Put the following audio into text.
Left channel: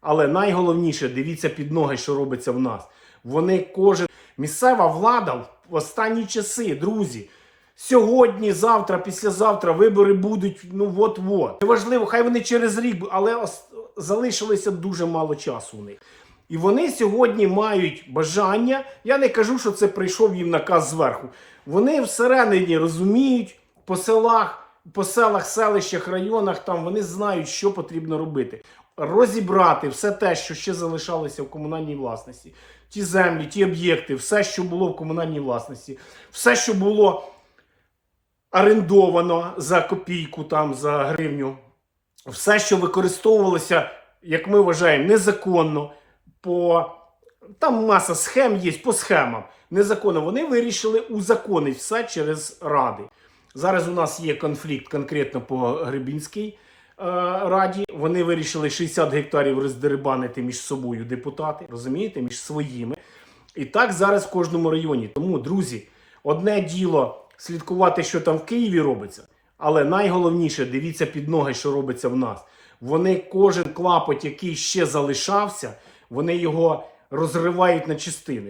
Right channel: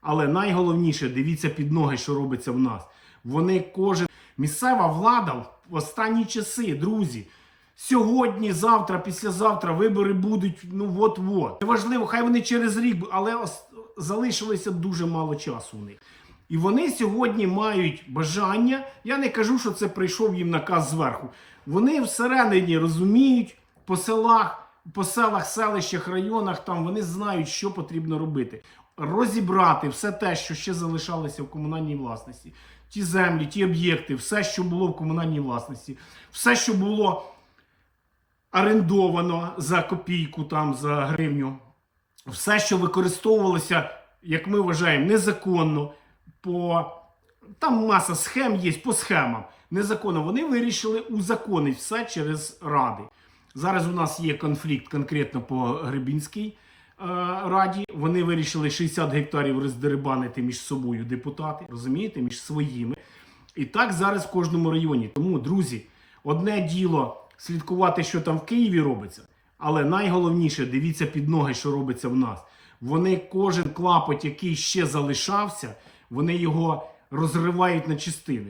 Але найголовніше, дивіться під ноги, що робиться в нас. Вони кожен місцева влада в останні часи, друзі. Сьогодні, завтра, післязавтра вибори будуть. Ну от-от. Неважливо, хай вони через рік, але ос- залишилося дуже мало часу у них. І вони сьогодні мають бажання. Я не кажу, що це прийшов їм наказ зверху. Вони всередині розуміють по селах, по селах, селищах, районах. Там вони знають, що потрібно робити. Розібрати все те, що ще залишалося в комунальній власності, ті землі, ті об'єкти, все, що було в комунальній власності, все, що було орендовано за копійку, там за гривню, все, що використовувалося, як ми вважаємо, незаконно, по там маса схем є по схемам. Незаконно вони вирішили узаконити все через ради. Зараз у нас є конфлікт конкретно по Гребінській е, раді. Вони вирішили 60 гектарів роздерибанити між собою депутати, розумієте, між своїми. І так зараз в кожному районі. Тому, друзі, одне діло слідкувати, що там в Києві робиться, але найголовніше дивіться під ноги, що робиться в нас. Вони кожен клапоть, який ще залишався, вони його розривають на частини.